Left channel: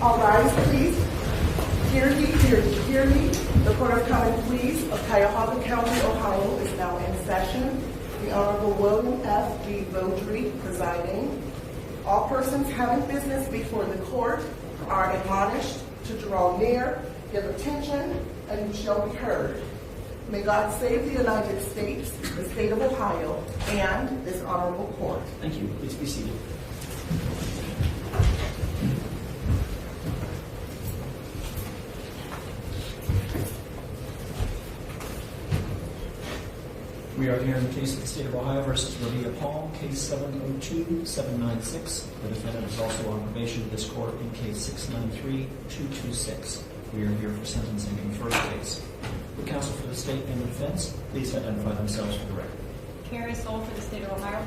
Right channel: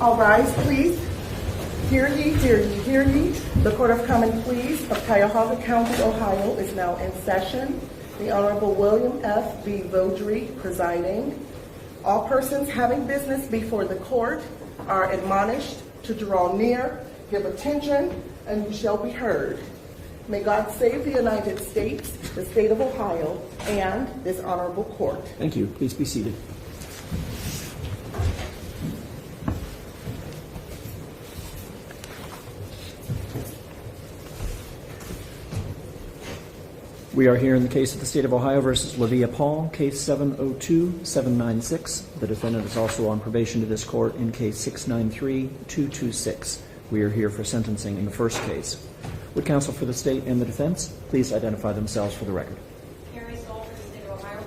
All rise, please. Hear ye, hear ye, hear ye. The Court of Common Pleas of Cuyahoga County, Ohio is now in session. The Honorable William F. B. Vodry presiding. All persons having business before the court are admonished to draw near, give attention, and you shall be heard. May God save the United States, the state of Ohio, and this honorable court. Thank you. Please be seated. We are here in the case of the State of Ohio versus Levia Paul, case 702-796. The defendant is also on probation to this court in case 693-226. We are here for sentencing in the first case. Would counsel for the state and the defense please identify themselves for the record? Kiara Jackson for the State of Ohio.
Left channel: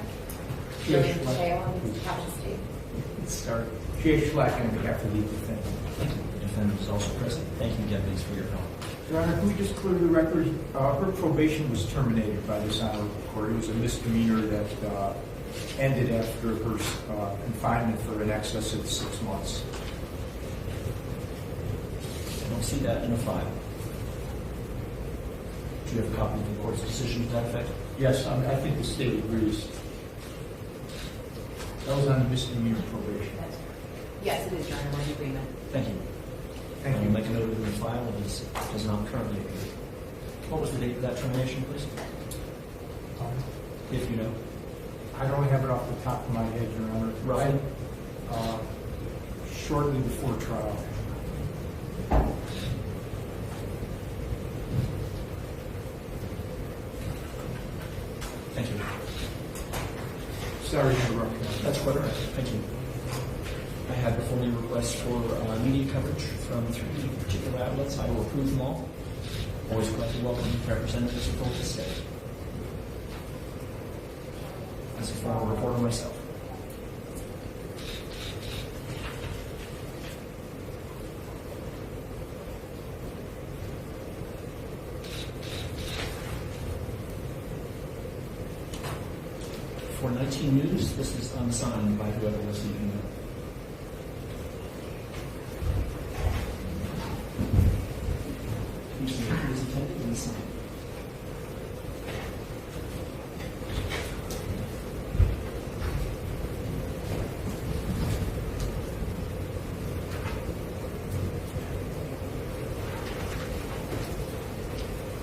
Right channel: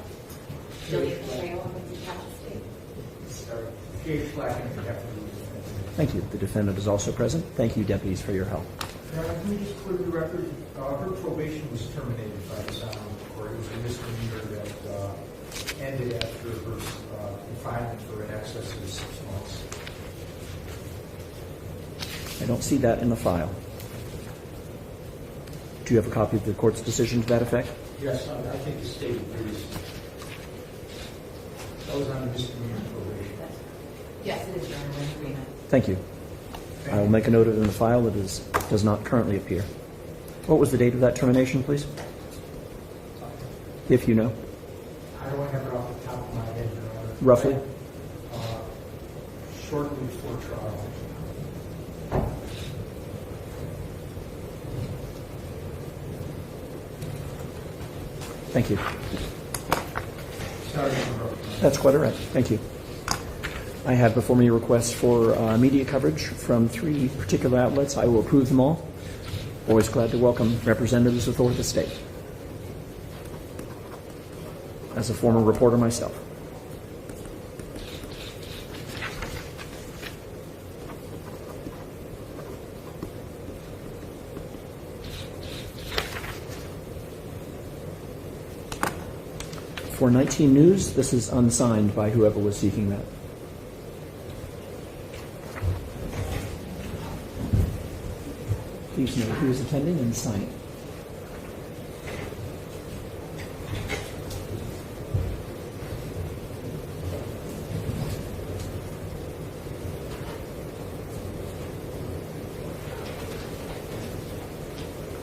Levia Paul on behalf of the state. Kiara Jackson on behalf of the defendant. Thank you. The defendant is also present. Thank you, deputies, for your help. Your Honor, can we just clear the record? Her probation was terminated by this honorable court. It was a misdemeanor that ended after her confinement for in excess of 6 months. I don't see that in the file. Do you have a copy of the court's decision to that effect? Yes, I think the state agrees. That was on misdemeanor probation. Yes, it is, Your Honor. We're in agreement. Thank you. I will make a note of it in the file that does not currently appear. What was the date of that termination, please? If you know. I don't have it off the top of my head, Your Honor. Roughly? Shortly before trial. Thank you. Sorry to interrupt. That's quite all right. Thank you. I have before me requests for media coverage from 3 particular outlets. I will approve them all. Always glad to welcome representatives of the state. As a former reporter myself. For 19 News, this is unsigned by whoever was seeking that. Please note who is attending and sign.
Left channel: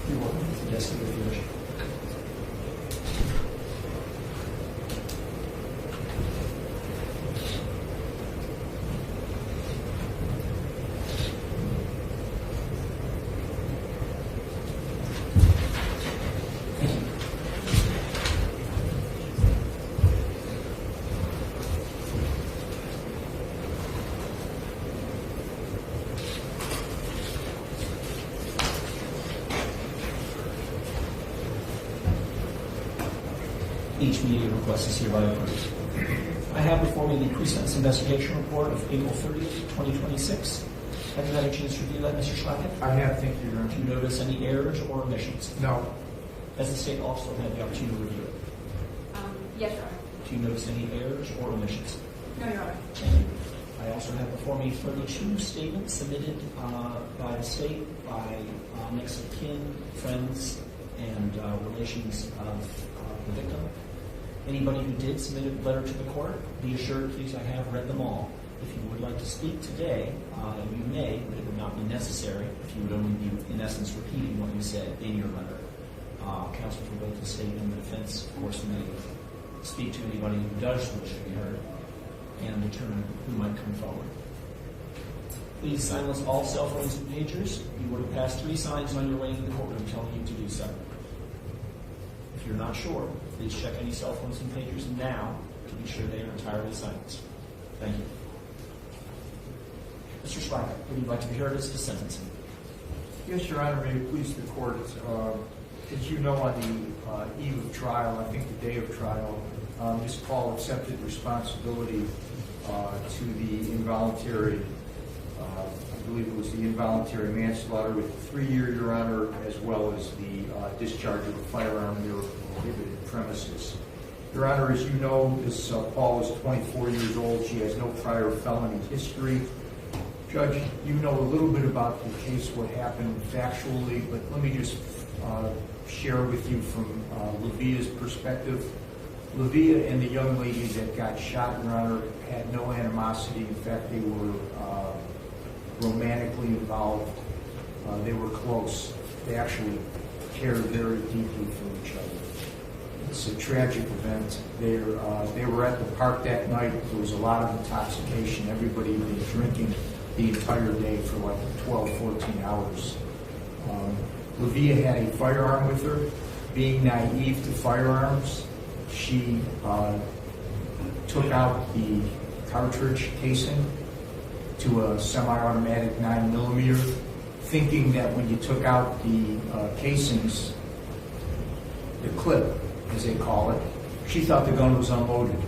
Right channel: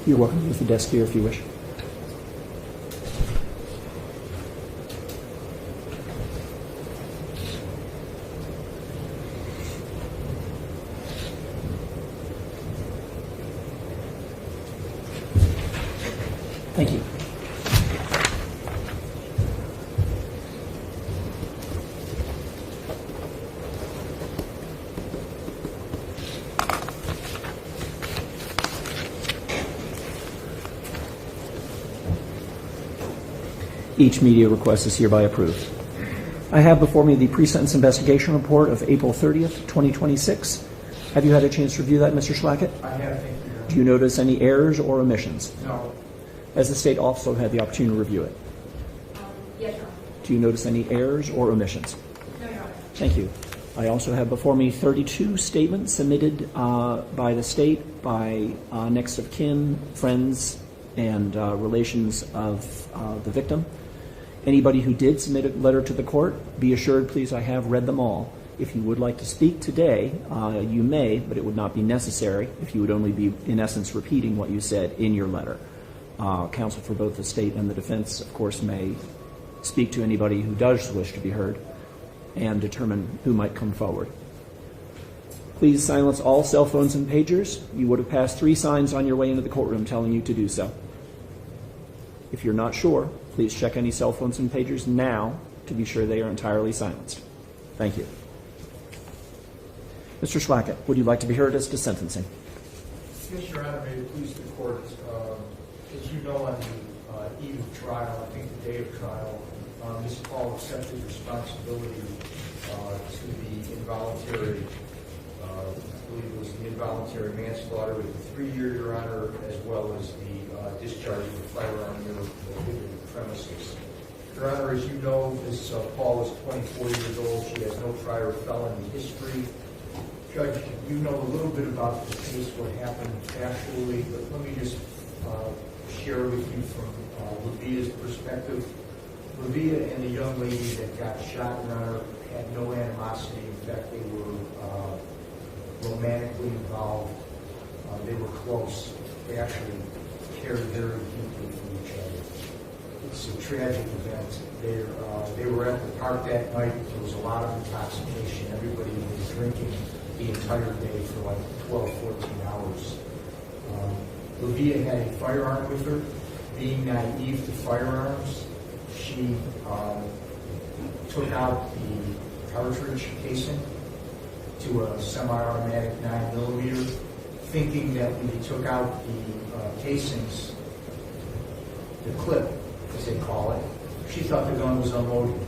You're welcome to use the desk here if you wish. Thank you. Each media request is hereby approved. I have before me the pre-sentence investigation report of April 30th, 2026. Have you had a chance to review that, Mr. Schlackett? I have, thank you, Your Honor. Do you notice any errors or omissions? No. Has the state also had the opportunity to review it? Yes, Your Honor. Do you notice any errors or omissions? No, Your Honor. Thank you. I also have before me 32 statements submitted by the state, by next of kin, friends, and relations of the victim. Anybody who did submit a letter to the court, be assured, please, I have read them all. If you would like to speak today, you may, but it would not be necessary if you would only be, in essence, repeating what you said in your letter. Counsel for both the state and the defense, of course, may speak to anybody who does wish to be heard and determine who might come forward. Please silence all cell phones and pagers. You would have passed 3 signs on your way into the courtroom telling you to do so. If you're not sure, please check any cell phones and pagers now to be sure they are entirely silenced. Thank you. Mr. Schlackett, would you like to be heard as to sentencing? Yes, Your Honor, may it please the court. As you know, on the eve of trial, I think the day of trial, Ms. Paul accepted responsibility to the involuntary, I believe it was the involuntary manslaughter with a 3-year, Your Honor, as well as the discharging of firearm near prohibited premises. Your Honor, as you know, Ms. Paul is 24 years old. She has no prior felony history. Judge, you know a little bit about the case, what happened factually, but let me just share with you from Levia's perspective. Levia and the young lady that got shot and run had no animosity. In fact, they were romantically involved. They were close. They actually cared very deeply for each other. It's a tragic event. They were at the park that night. There was a lot of intoxication. Everybody was drinking the entire day for like 12, 14 hours. Levia had a firearm with her. Being naive to firearms, she took out the cartridge casing to a semi-automatic 9mm, thinking that when you took out the casings, the clip, as they call it, she thought the gun was unloaded.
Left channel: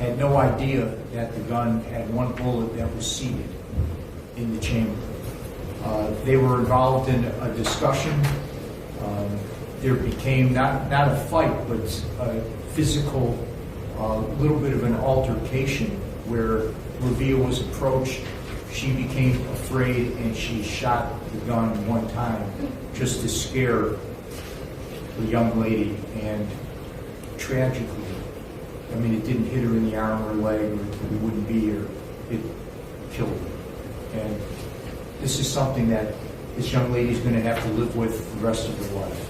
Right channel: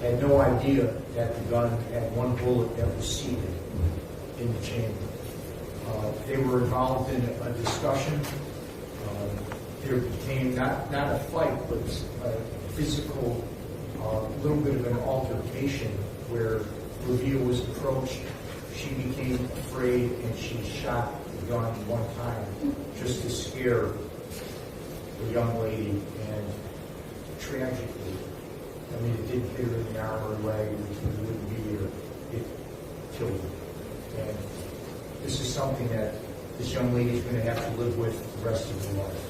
Had no idea that the gun had one bullet that was seated in the chamber. They were involved in a discussion. There became not a fight, but a physical, little bit of an altercation where Levia was approached. She became afraid and she shot the gun one time just to scare the young lady, and tragically, I mean, it didn't hit her in the arm or leg, or it wouldn't be here. It killed her. And this is something that this young lady is going to have to live with the rest of her life.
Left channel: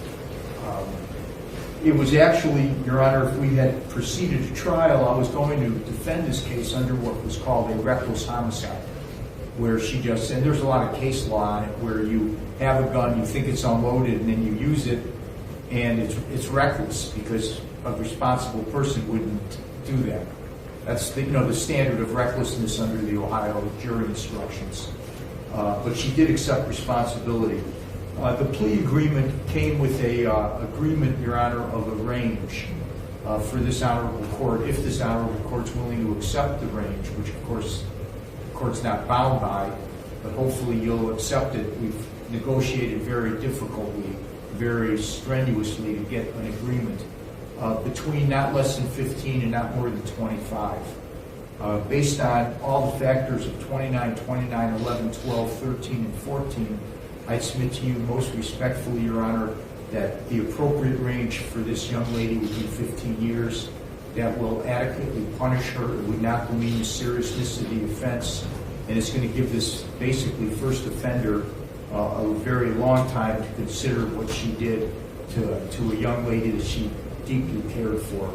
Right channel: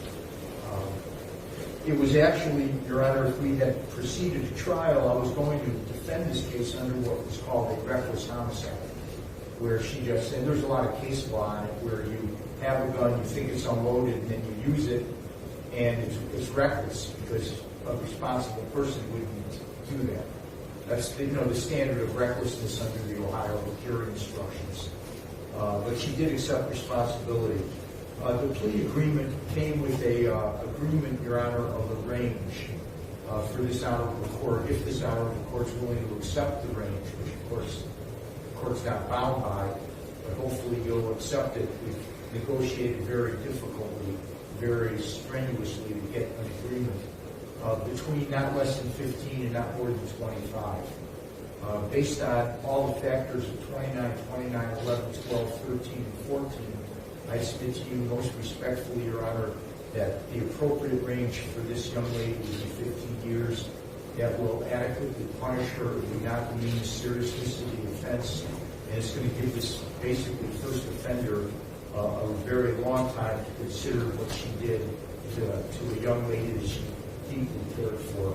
It was actually, Your Honor, if we had proceeded to trial, I was going to defend this case under what was called a reckless homicide, where she just said, there's a lot of case law on it, where you have a gun, you think it's unloaded, and then you use it, and it's reckless, because a responsible person wouldn't do that. That's the standard of recklessness under the Ohio jury instructions. But she did accept responsibility. The plea agreement came with a agreement, Your Honor, of a range for this honorable court, if this honorable court's willing to accept the range, which of course the court's not bound by, but hopefully you'll accept it. We've negotiated very difficultly, very strenuously to get an agreement between not less than 15 and not more than 25. Based on all the factors of 29, 29, 11, 12, 13, and 14, I submit to you most respectfully, Your Honor, that the appropriate range for this young lady would be 15 years. That will adequately punish her. It would not demean the seriousness of the offense, and it's going to give this basically first offender a very long time to consider what she did to a young lady that she deeply cared for.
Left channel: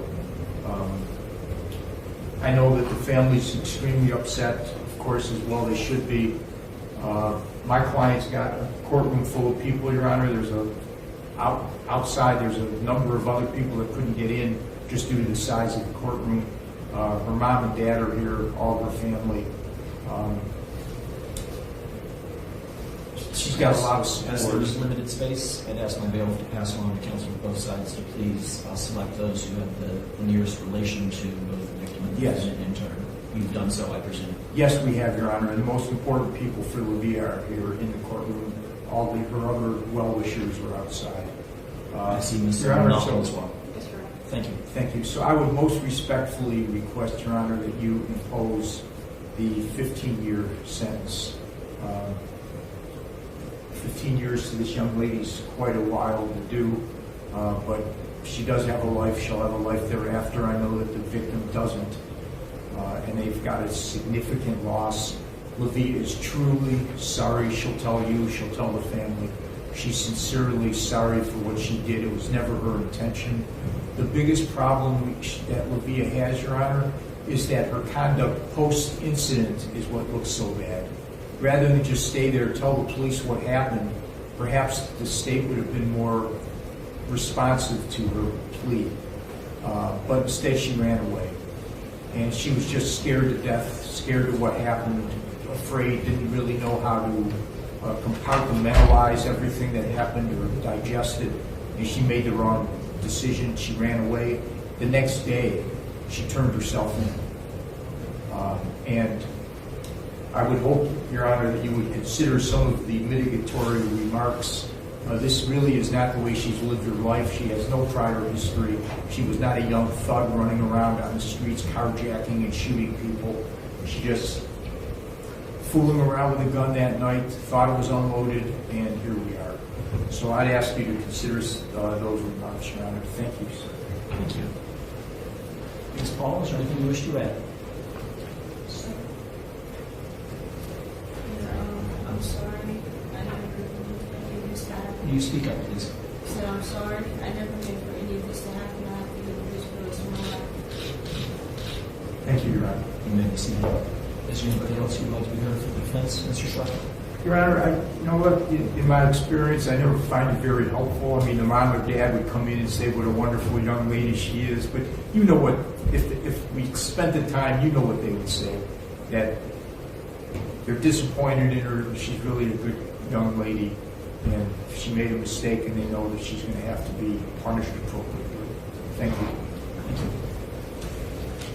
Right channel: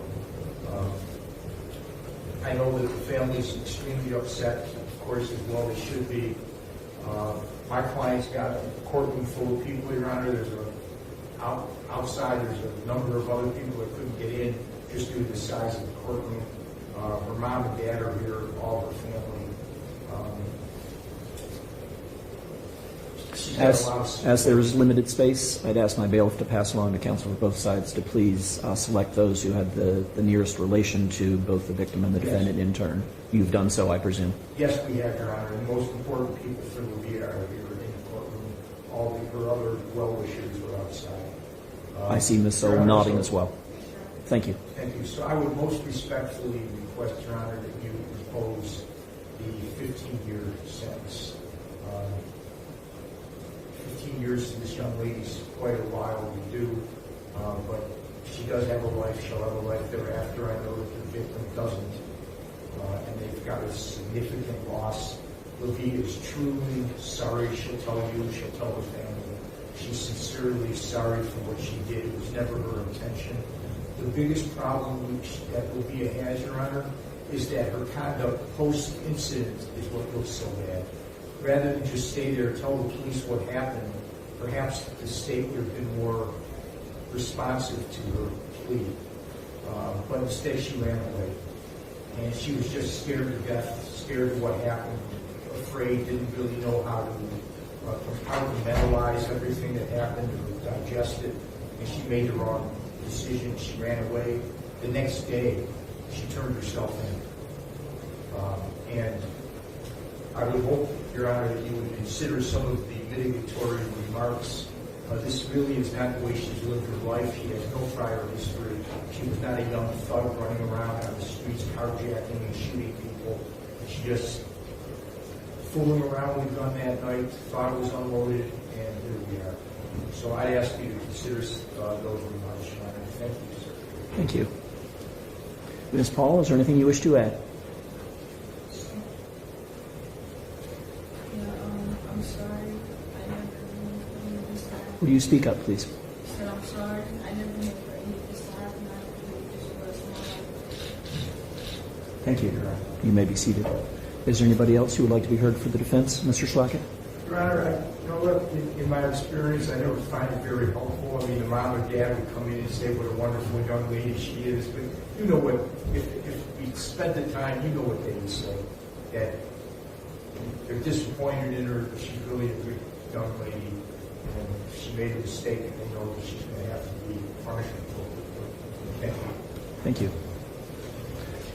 I know that the family is extremely upset, of course, as well they should be. My client's got a courtroom full of people, Your Honor. Outside, there's a number of other people that couldn't get in just due to the size of the courtroom. Her mom and dad are here, all her family. She's got a lot of support. As there is limited space, I'd ask my bailiff to pass along to counsel of both sides to please select those who have the nearest relation to both the victim and the defendant in turn. You've done so, I presume. Yes, we have, Your Honor. And the most important people for Levia are here in the courtroom. All of her other well-wishers are outside. I see Ms. nodding as well. Yes, Your Honor. Thank you. Thank you. So I would most respectfully request, Your Honor, that you impose the 15-year sentence. 15 years to this young lady is quite a while to do, but she does have a life. She'll have a life thereafter. I know that the victim doesn't, and they've got a significant loss. Levia is truly sorry. She'll tell you. She'll tell the family. She's sincerely sorry for what she did. It was never her intention. The biggest problem that Levia has, Your Honor, is that her conduct post-incident is what looks so bad. Rather than just stay there, tell the police what happened, perhaps the state would have been more responsive to her plea. But instead she ran away. And she was just scared to death, scared of what happened, afraid, didn't really know how to compartmentalize everything that happened or digest it. And she made the wrong decision. She ran away. The next day, she turned herself in. And I would hope, Your Honor, that you would consider some of the mitigatory remarks. This really is not the way she's lived her life. She has no prior history. She was not a young thug running around on the streets carjacking and shooting people. She just fooling around with a gun that night, thought it was unloaded, and here we are. So I'd ask you to consider those remarks, Your Honor. Thank you, sir. Thank you. Ms. Paul, is there anything you wish to add? I'm sorry. I never knew this to happen. Will you speak up, please? So I'm sorry. I never knew for any of this to happen. I have to live with this for the rest of my life. Thank you, Your Honor. You may be seated. Is there anybody else who would like to be heard for the defense? Mr. Schlackett? Your Honor, you know what, in my experience, I never find it very helpful. I mean, the mom or dad would come in and say what a wonderful young lady she is, but you know what, if we spent the time, you know what they would say, that they're disappointed in her, she's really a good young lady, and she made a mistake, and they know that she's going to have to be punished appropriately. Thank you. Thank you.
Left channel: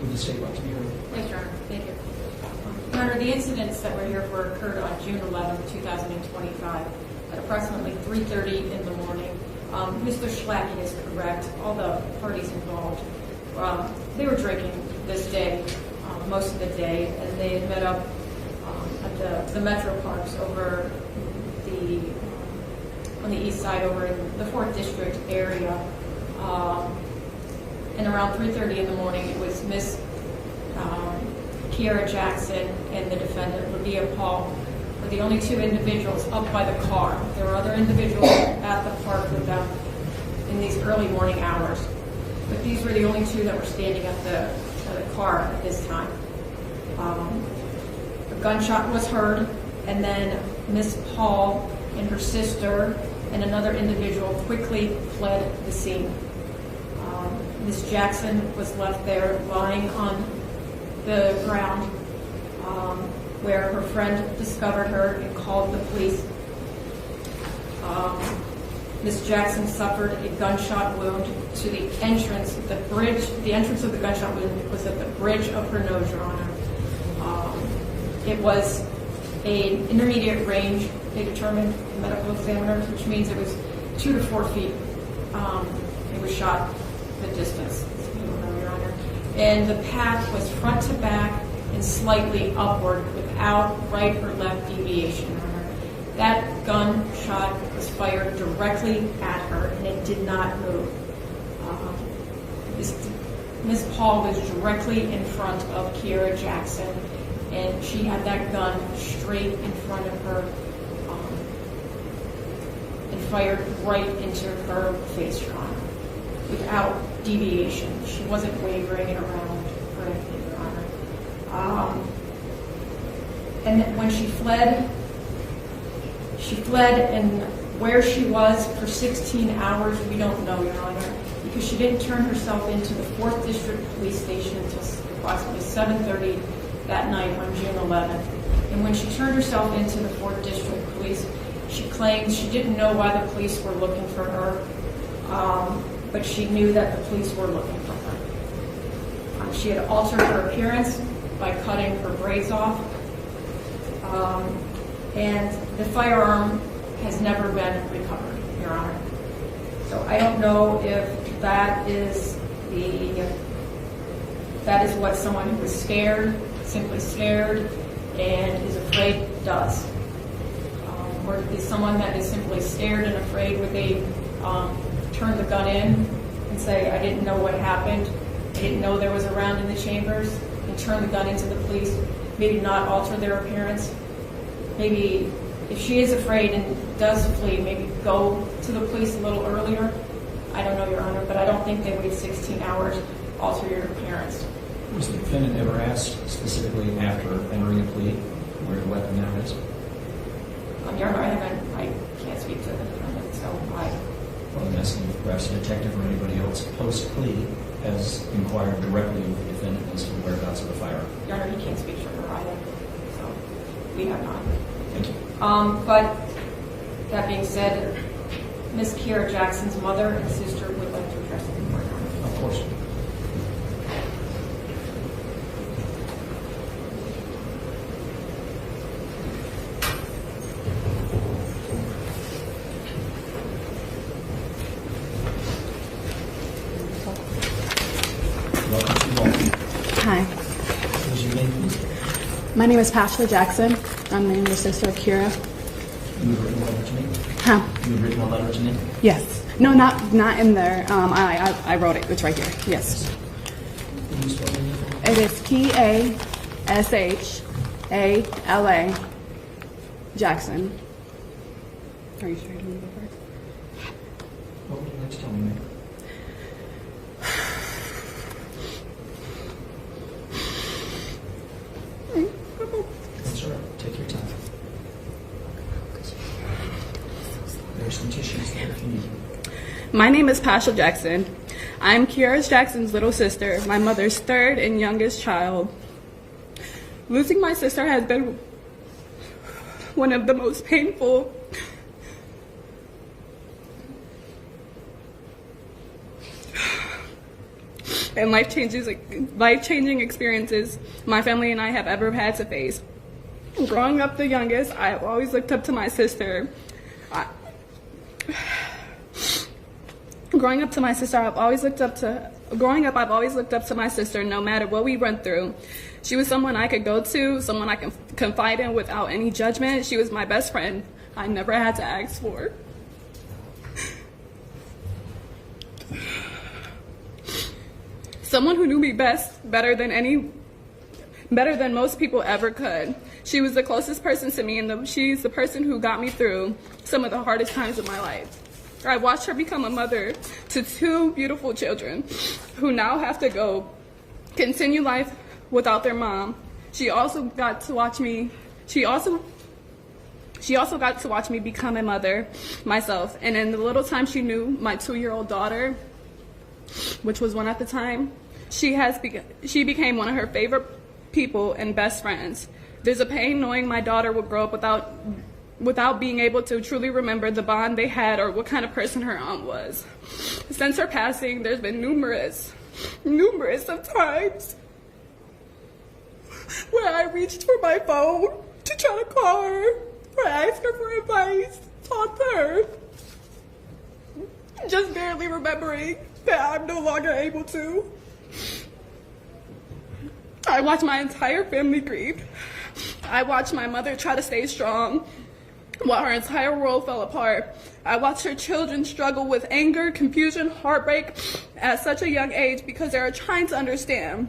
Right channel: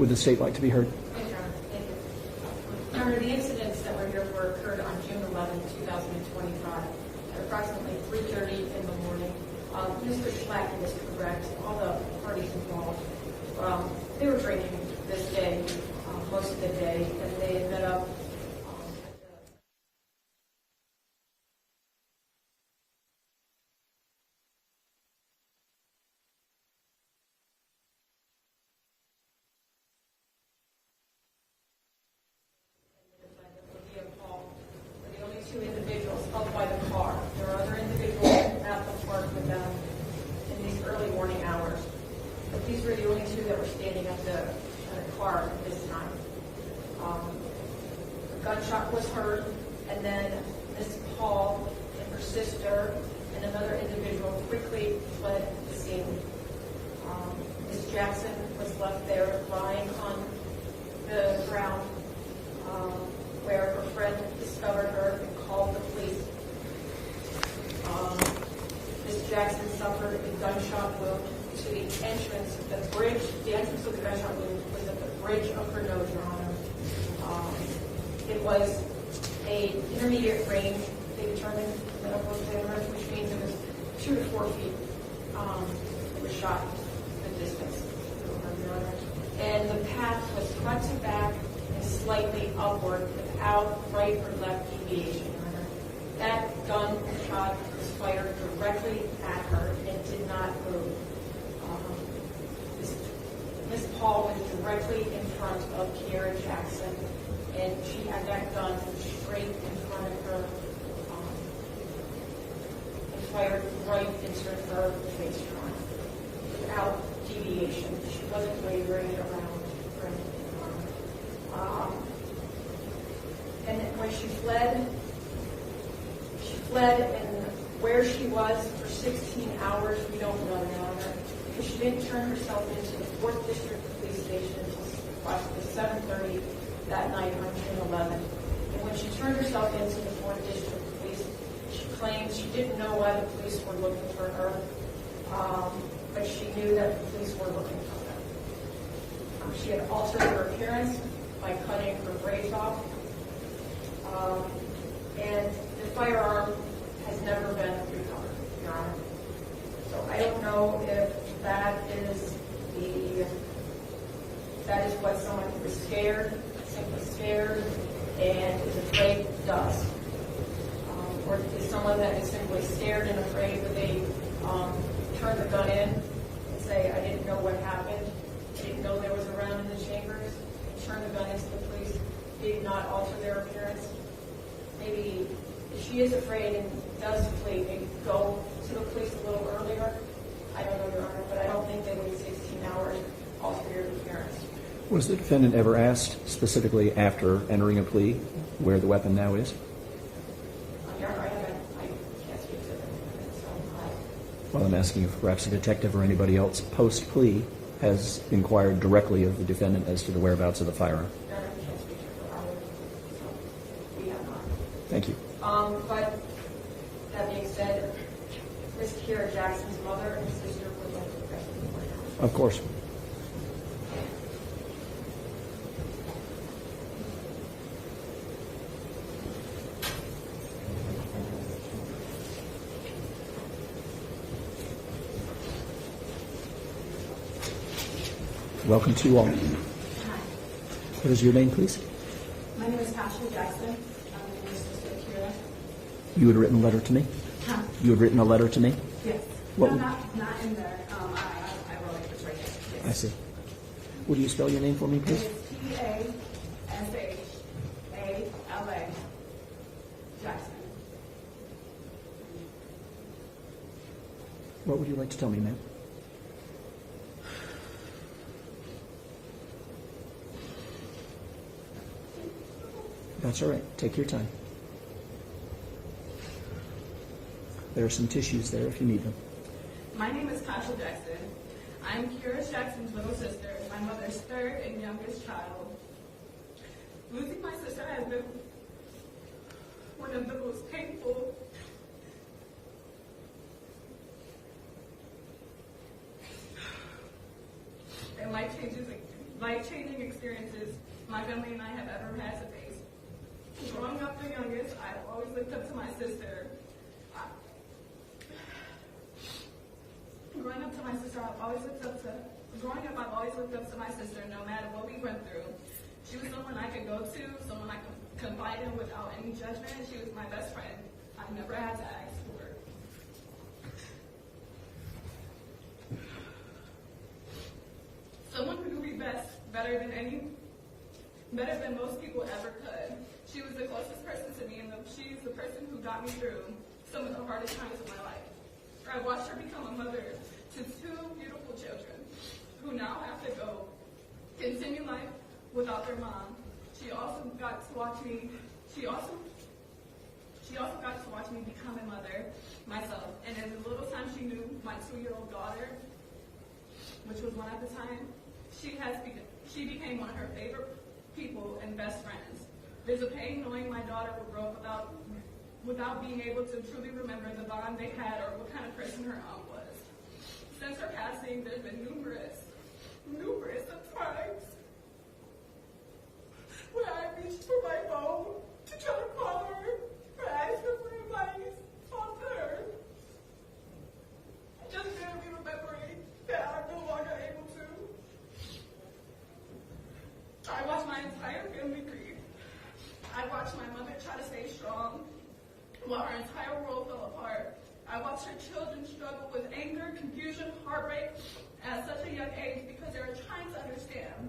Would the state like to be heard? Yes, Your Honor. Thank you. Your Honor, the incidents that we're here for occurred on June 11, 2025, at approximately 3:30 in the morning. Mr. Schlacken is correct. All the parties involved, they were drinking this day, most of the day, and they had met up at the Metroparks over on the east side over in the 4th District area. And around 3:30 in the morning, it was Miss Kiara Jackson and the defendant, Levia Paul, were the only two individuals up by the car. There were other individuals at the park with them in these early morning hours, but these were the only two that were standing at the car at this time. A gunshot was heard, and then Miss Paul and her sister and another individual quickly fled the scene. Miss Jackson was left there lying on the ground where her friend discovered her and called the police. Miss Jackson suffered a gunshot wound to the entrance, the bridge. The entrance of the gunshot wound was at the bridge of her nose, Your Honor. It was an intermediate range, they determined, medical examiners, which means it was 2 to 4 feet. It was shot the distance, Your Honor. And the path was front to back and slightly upward without right or left deviation, Your Honor. That gunshot was fired directly at her and it did not move. Miss Paul was directly in front of Kiara Jackson, and she had that gun straight in front of her and fired right into her face, Your Honor, without deviation. She wasn't wavering it around or anything, Your Honor. And when she fled, and where she was for 16 hours, we don't know, Your Honor, because she didn't turn herself into the 4th District Police Station until approximately 7:30 that night on June 11th. And when she turned herself into the 4th District Police, she claimed she didn't know why the police were looking for her, but she knew that the police were looking for her. She had altered her appearance by cutting her braids off, and the firearm has never been recovered, Your Honor. So I don't know if that is what someone who is scared, simply scared, and is afraid does. Or is someone that is simply scared and afraid, would they turn the gun in and say, I didn't know what happened, I didn't know there was a round in the chambers, and turn the gun into the police, maybe not alter their appearance? Maybe if she is afraid and does flee, maybe go to the police a little earlier? I don't know, Your Honor, but I don't think they wait 16 hours, alter your appearance. Was the defendant ever asked specifically after entering a plea where the weapon now is? Your Honor, I can't speak to the defendant, so Well, I'm asking if perhaps a detective or anybody else post-plea has inquired directly of the defendant as to the whereabouts of the firearm. Your Honor, he can't speak for her either, so we have not. Thank you. But that being said, Ms. Kiara Jackson's mother and sister would like to address the court. Of course. Welcome to you all. Hi. What is your name, please? My name is Kiara Jackson. I'm the younger sister of Kiara. You had written a letter to me? Huh? You had written a letter to me? Yes. No, not in there. I wrote it. It's right here. Yes. Will you spell your name for me? It is Kiashala Jackson. Are you sure you want to go first? What would you like to tell me, ma'am? That's all right. Take your time. There are some tissues there if you need them. My name is Kiara Jackson. I'm Kiara Jackson's little sister, my mother's third and youngest child. Losing my sister has been one of the most painful and life-changing experiences my family and I have ever had to face. Growing up the youngest, I have always looked up to my sister. Growing up, I've always looked up to my sister no matter what we went through. She was someone I could go to, someone I can confide in without any judgment. She was my best friend I never had to ask for. Someone who knew me better than most people ever could. She was the closest person to me, and she's the person who got me through some of the hardest times of my life. I watched her become a mother to two beautiful children who now have to continue life without their mom. She also got to watch me become a mother myself. And in the little time she knew my 2-year-old daughter, which was one at the time, she became one of her favorite people and best friends. There's a pain knowing my daughter would grow up without being able to truly remember the bond they had or what kind of person her aunt was. Since her passing, there's been numerous of times where I reached for my phone to try to call her, or ask her for advice, talk to her, just barely remembering that I'm no longer able to. I watched my entire family grieve. I watched my mother try to stay strong while her entire world fell apart. I watched her children struggle with anger, confusion, heartbreak at such a young age because they are trying to understand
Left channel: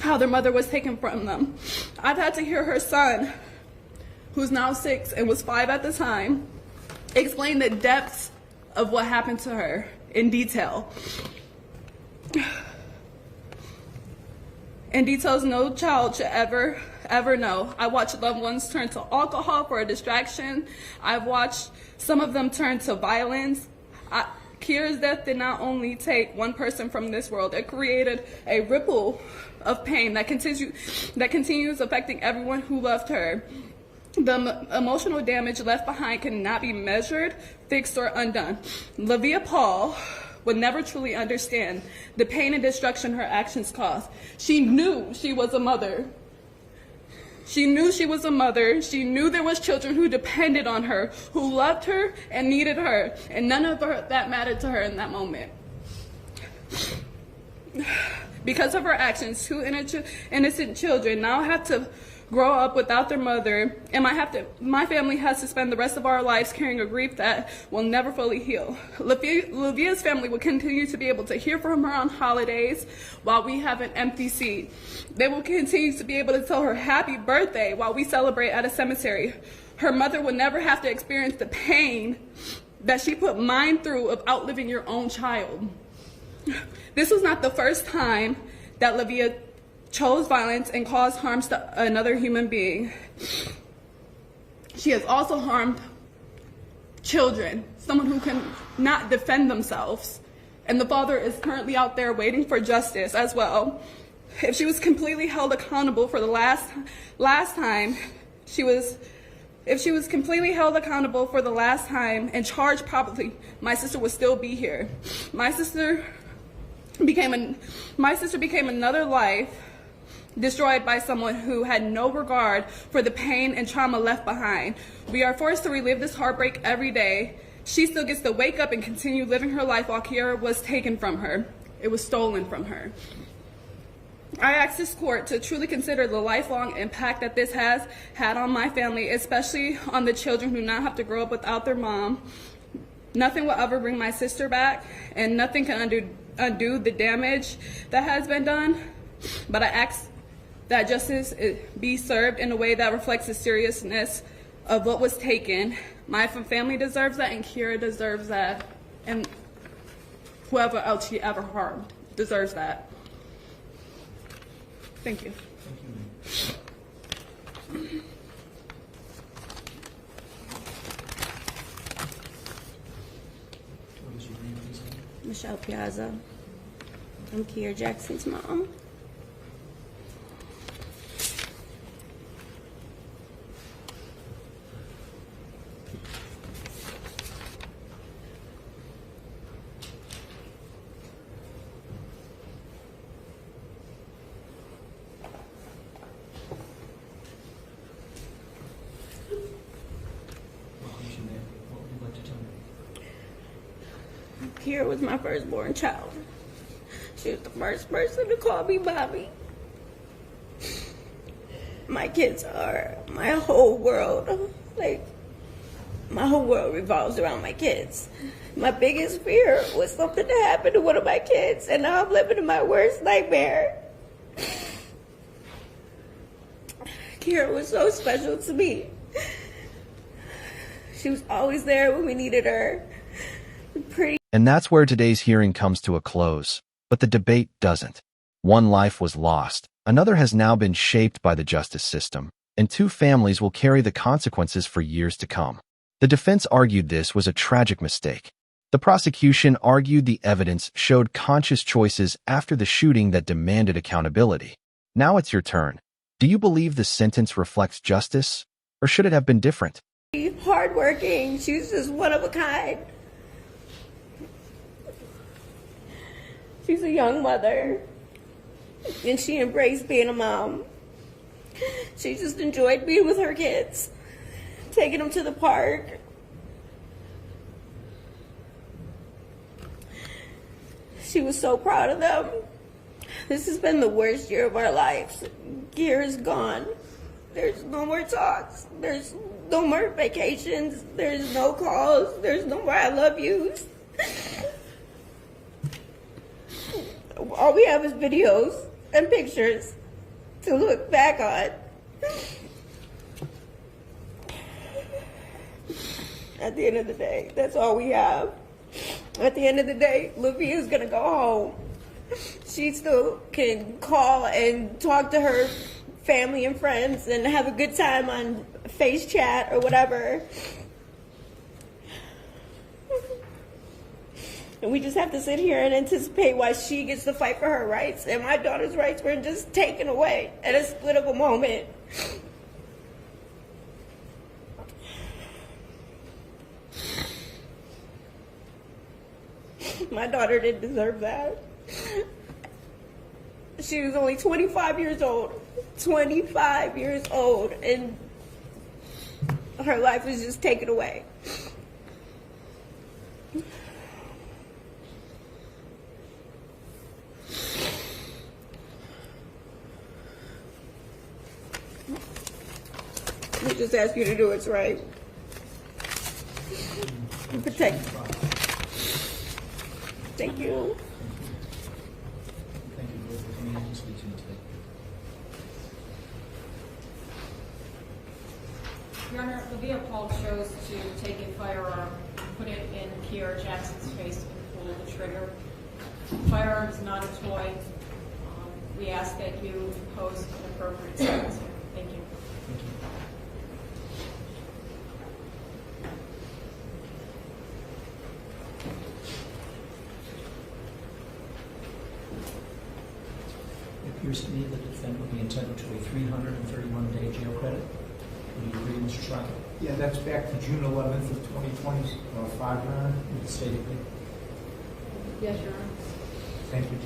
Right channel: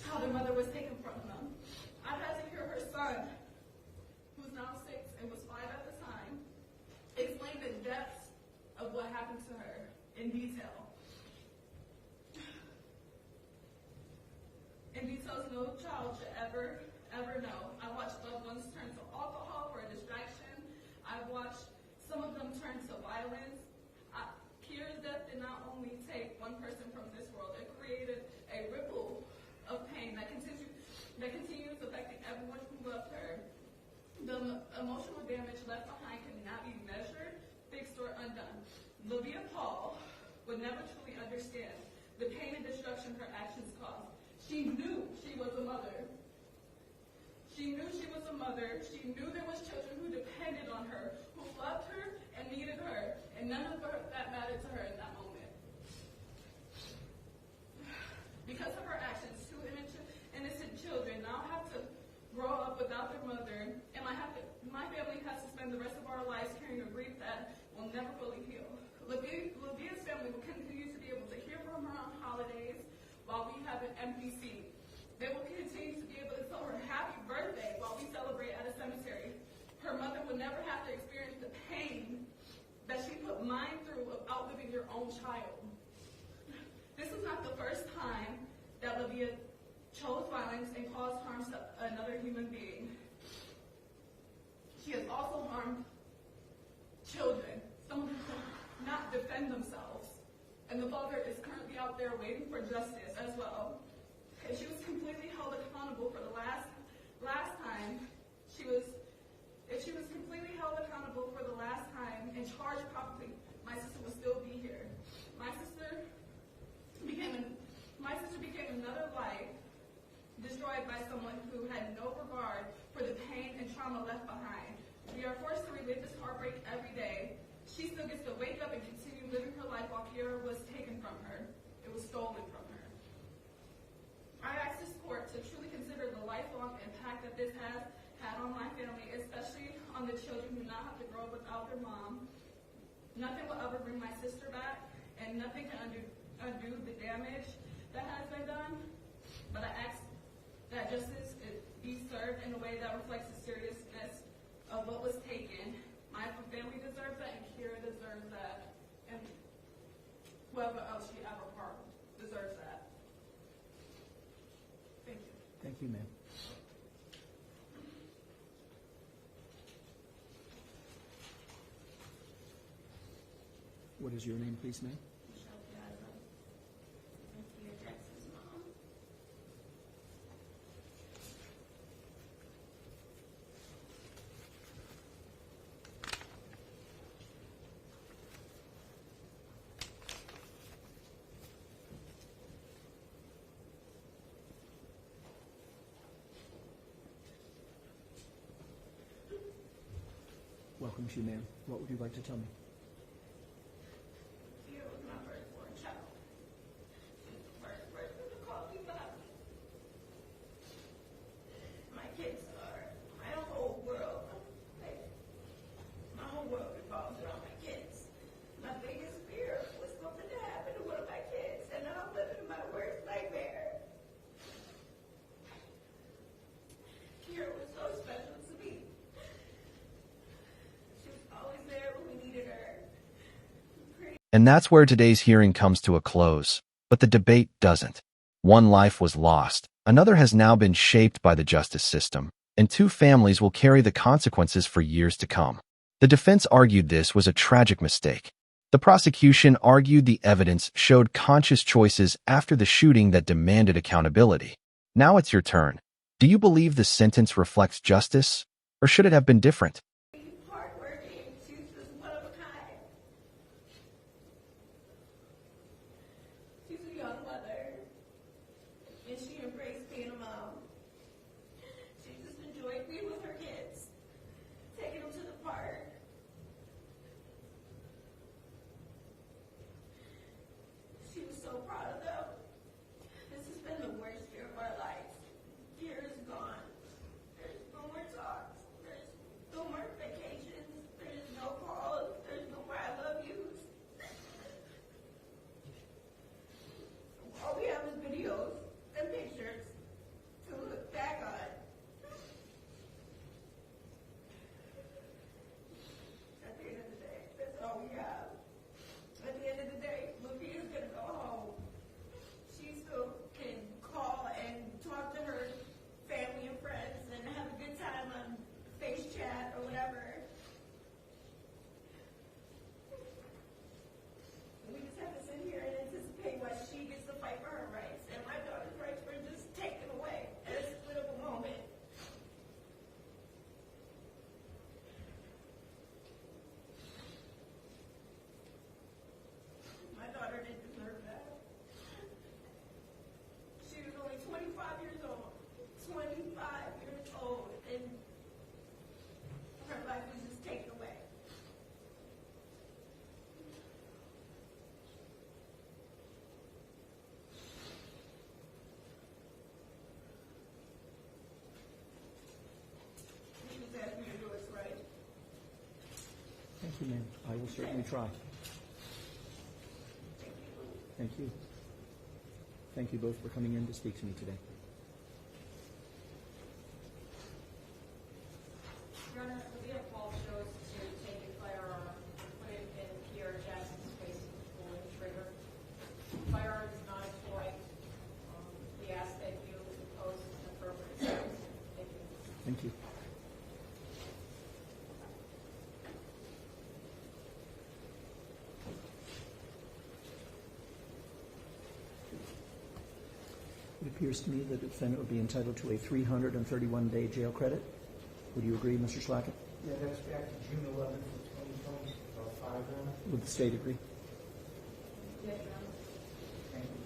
how their mother was taken from them. I've had to hear her son, who's now 6 and was 5 at the time, explain the depths of what happened to her in detail. In details no child should ever know. I watched loved ones turn to alcohol for a distraction. I've watched some of them turn to violence. Kiara's death did not only take one person from this world, it created a ripple of pain that continues affecting everyone who loved her. The emotional damage left behind cannot be measured, fixed, or undone. Levia Paul would never truly understand the pain and destruction her actions caused. She knew she was a mother. She knew she was a mother. She knew there was children who depended on her, who loved her and needed her, and none of that mattered to her in that moment. Because of her actions, 2 innocent children now have to grow up without their mother, and my family has to spend the rest of our lives carrying a grief that will never fully heal. Levia's family will continue to be able to hear from her on holidays while we have an empty seat. They will continue to be able to tell her happy birthday while we celebrate at a cemetery. Her mother will never have to experience the pain that she put mine through of outliving your own child. This was not the first time that Levia chose violence and caused harm to another human being. She has also harmed children, someone who can not defend themselves. And the father is currently out there waiting for justice as well. If she was completely held accountable for the last time and charged properly, my sister would still be here. My sister became another life destroyed by someone who had no regard for the pain and trauma left behind. We are forced to relive this heartbreak every day. She still gets to wake up and continue living her life while Kiara was taken from her. It was stolen from her. I ask this court to truly consider the lifelong impact that this has had on my family, especially on the children who now have to grow up without their mom. Nothing will ever bring my sister back, and nothing can undo the damage that has been done. But I ask that justice be served in a way that reflects the seriousness of what was taken. My family deserves that, and Kiara deserves that, and whoever else she ever harmed deserves that. Thank you. Thank you, ma'am. What is your name, please, ma'am? Michelle Piazza. I'm Kiara Jackson's mom. Welcome to you, ma'am. What would you like to tell me? Kiara was my firstborn child. She was the first person to call me mommy. My kids are my whole world. Like, my whole world revolves around my kids. My biggest fear was something to happen to one of my kids, and now I'm living in my worst nightmare. Kiara was so special to me. She was always there when we needed her. And that's where today's hearing comes to a close. But the debate doesn't. One life was lost, another has now been shaped by the justice system, and two families will carry the consequences for years to come. The defense argued this was a tragic mistake. The prosecution argued the evidence showed conscious choices after the shooting that demanded accountability. Now it's your turn. Do you believe the sentence reflects justice, or should it have been different? Hardworking, she was just one of a kind. She's a young mother, and she embraced being a mom. She just enjoyed being with her kids, taking them to the park. She was so proud of them. This has been the worst year of our lives. Kiara's gone. There's no more talks. There's no more vacations. There's no calls. There's no more I love yous. All we have is videos and pictures to look back on. At the end of the day, that's all we have. At the end of the day, Levia's gonna go home. She still can call and talk to her family and friends and have a good time on face chat or whatever. And we just have to sit here and anticipate why she gets to fight for her rights and my daughter's rights were just taken away at a split of a moment. My daughter didn't deserve that. She was only 25 years old. 25 years old, and her life was just taken away. We just ask you to do what's right. And protect. Thank you. Thank you both for coming in and speaking to me today. Your Honor, Levia Paul chose to take a firearm and put it in Kiara Jackson's face and pull the trigger. Firearm is not a toy. We ask that you impose an appropriate sentence. Thank you. Thank you. It appears to me that the defendant would be entitled to a 331-day jail credit. Would you agree, Mr. Schrecker? Yeah, that's back to June 11th of 2025, Your Honor. Would the state agree? Yes, Your Honor. Thank you.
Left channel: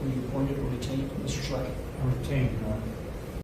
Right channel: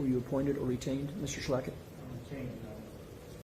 Were you appointed or retained, Mr. Schrecker? I'm retained, Your Honor.